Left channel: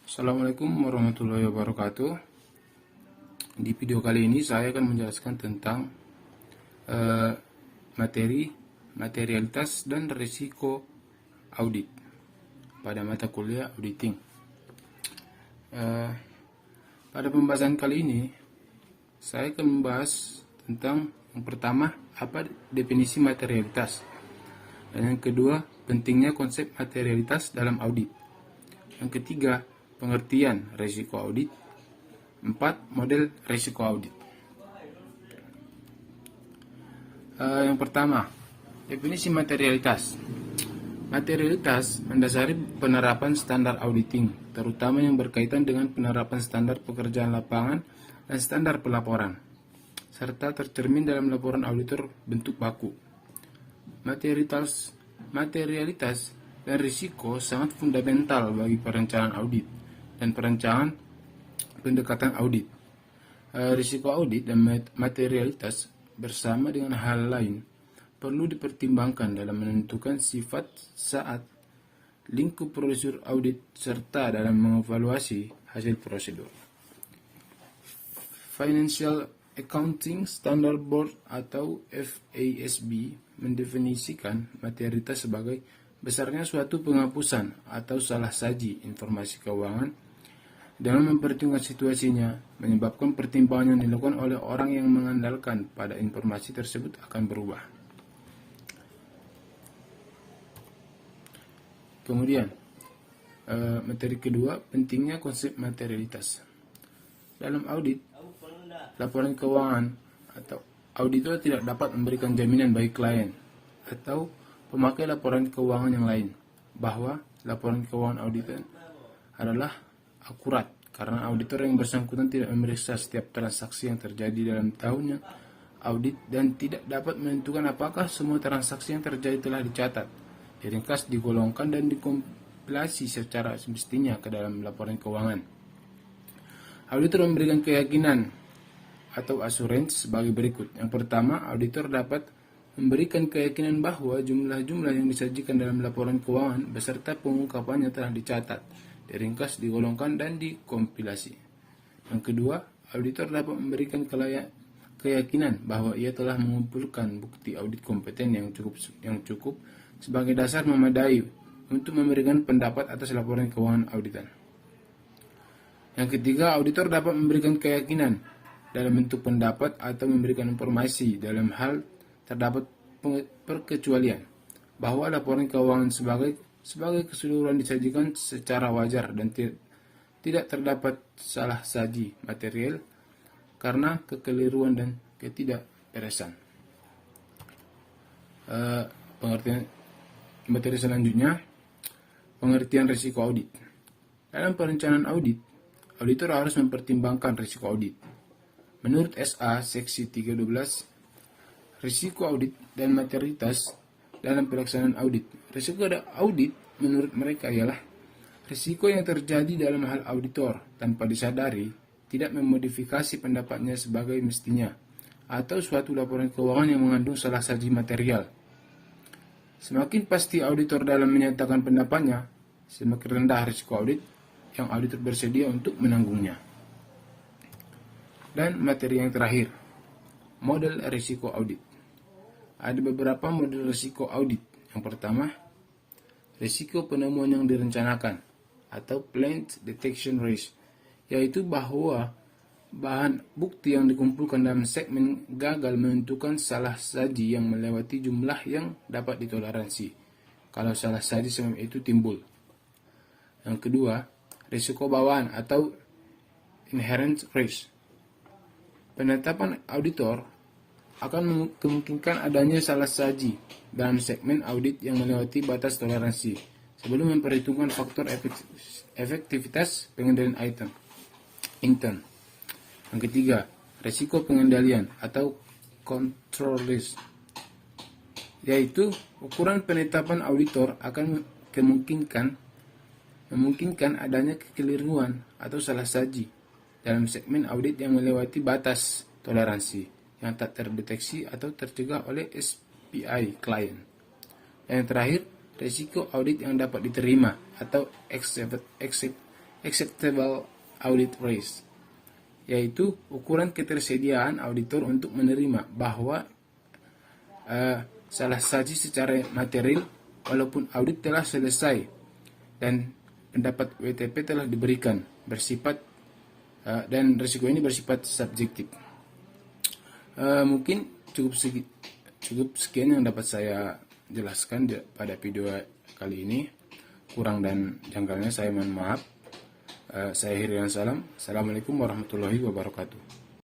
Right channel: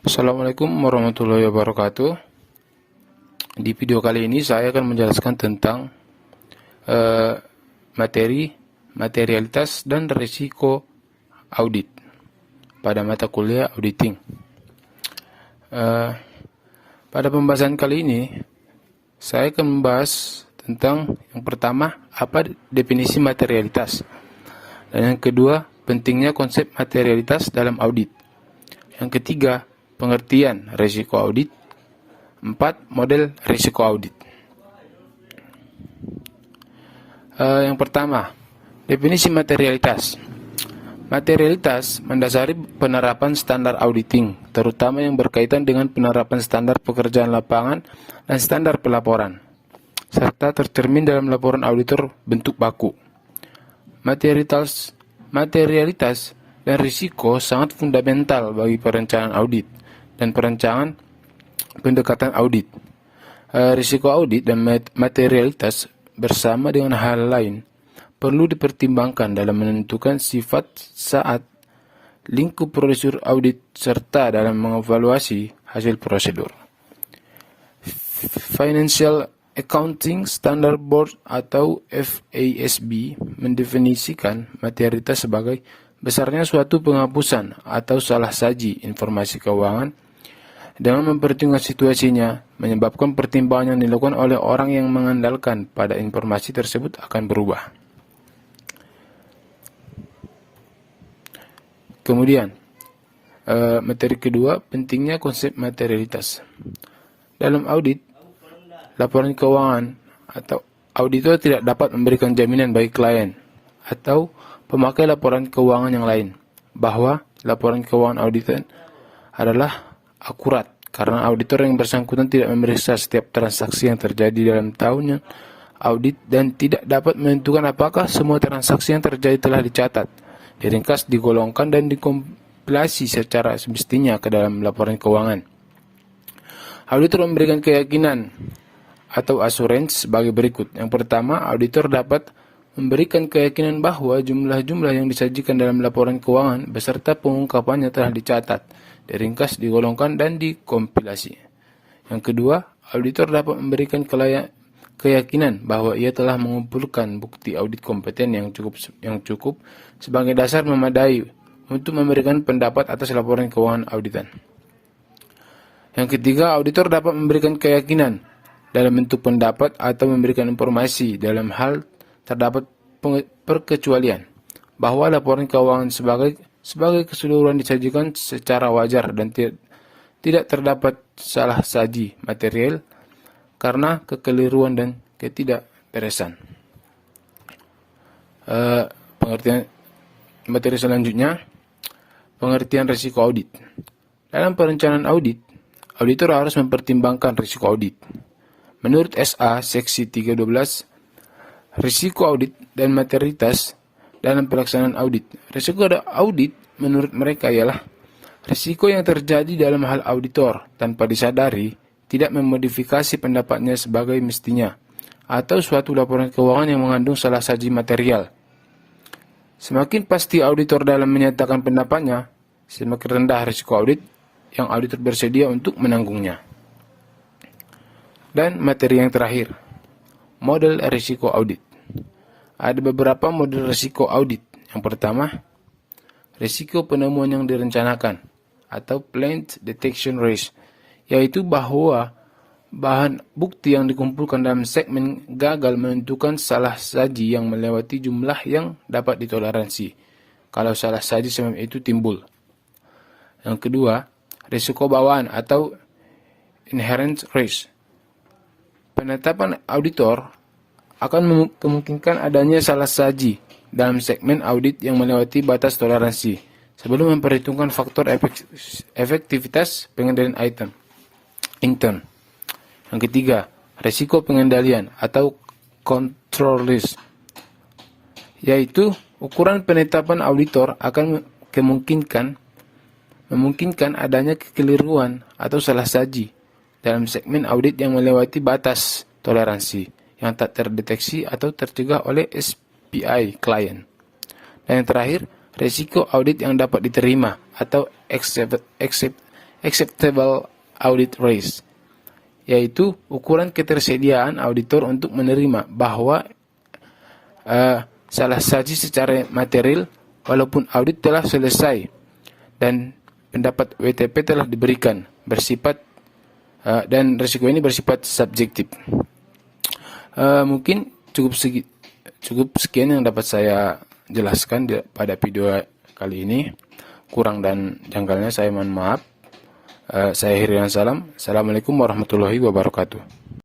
Assalamualaikum warahmatullahi wabarakatuh. Di video kali ini saya akan menjelaskan tentang eh, materialitas dan risiko audit pada mata kuliah auditing. Pada pembahasan kali ini saya akan membahas tentang yang pertama, apa definisi materialitas, dan yang kedua, pentingnya konsep materialitas dalam audit. Yang ketiga, pengertian risiko audit. 4. Model risiko audit. Yang pertama, definisi materialitas. Materialitas mendasari penerapan standar auditing, terutama yang berkaitan dengan penerapan standar pekerjaan lapangan dan standar pelaporan, serta tercermin dalam laporan auditor bentuk baku. Materialitas dan risiko sangat fundamental bagi perencanaan audit dan perencanaan pendekatan audit. Risiko audit dan materialitas bersama dengan hal lain perlu dipertimbangkan dalam menentukan sifat saat lingkup prosedur audit serta dalam mengevaluasi hasil prosedur. Financial Accounting Standard Board atau FASB mendefinisikan materialitas sebagai besarnya suatu penghapusan atau salah saji informasi keuangan dengan mempertimbangkan situasinya, menyebabkan pertimbangan yang dilakukan oleh orang yang mengandalkan pada informasi tersebut akan berubah. Kemudian, materi kedua, pentingnya konsep materialitas. Dalam audit, laporan keuangan atau auditor tidak dapat memberikan jaminan bagi klien atau pemakai laporan keuangan yang lain bahwa laporan keuangan auditor adalah akurat, karena auditor yang bersangkutan tidak memeriksa setiap transaksi yang terjadi dalam tahunnya audit dan tidak dapat menentukan apakah semua transaksi yang terjadi telah dicatat, diringkas, digolongkan, dan dikompilasi secara semestinya ke dalam laporan keuangan. Auditor memberikan keyakinan atau assurance sebagai berikut. Yang pertama, auditor dapat memberikan keyakinan bahwa jumlah-jumlah yang disajikan dalam laporan keuangan beserta pengungkapannya telah dicatat, diringkas, digolongkan, dan dikompilasi. Yang kedua, auditor dapat memberikan keyakinan bahwa ia telah mengumpulkan bukti audit kompeten yang cukup sebagai dasar memadai untuk memberikan pendapat atas laporan keuangan auditan. Yang ketiga, auditor dapat memberikan keyakinan dalam bentuk pendapat atau memberikan informasi dalam hal terdapat perkecualian bahwa laporan keuangan sebagai keseluruhan disajikan secara wajar dan tidak terdapat salah saji material karena kekeliruan dan ketidakberesan. Pengertian materi selanjutnya, pengertian risiko audit. Dalam perencanaan audit, auditor harus mempertimbangkan risiko audit. Menurut SA Seksi 312, risiko audit dan materialitas dalam pelaksanaan audit. Risiko audit menurut mereka ialah risiko yang terjadi dalam hal auditor tanpa disadari tidak memodifikasi pendapatnya sebagai mestinya atau suatu laporan keuangan yang mengandung salah saji material. Semakin pasti auditor dalam menyatakan pendapatnya, semakin rendah risiko audit yang auditor bersedia untuk menanggungnya. Dan materi yang terakhir, model risiko audit. Ada beberapa model risiko audit. Yang pertama, risiko penemuan yang direncanakan atau planned detection risk, yaitu bahwa bahan bukti yang dikumpulkan dalam segmen gagal menentukan salah saji yang melewati jumlah yang dapat ditoleransi kalau salah saji semacam itu timbul. Yang kedua, risiko bawaan atau inherent risk. Penetapan auditor akan memungkinkan adanya salah saji dalam segmen audit yang melewati batas toleransi sebelum memperhitungkan faktor efektivitas pengendalian intern. Yang ketiga, risiko pengendalian atau control risk, yaitu ukuran penetapan auditor akan memungkinkan adanya kekeliruan atau salah saji dalam segmen audit yang melewati batas toleransi yang tak terdeteksi atau tercegah oleh SPI klien. Dan yang terakhir, risiko audit yang dapat diterima atau acceptable audit risk, yaitu ukuran ketersediaan auditor untuk menerima bahwa salah saji secara material walaupun audit telah selesai dan pendapat WTP telah diberikan bersifat dan risiko ini bersifat subjektif. Mungkin cukup sekian yang dapat saya jelaskan pada video kali ini. Kurang dan janggalnya saya mohon maaf. Saya Hirian Salam. Assalamualaikum warahmatullahi wabarakatuh.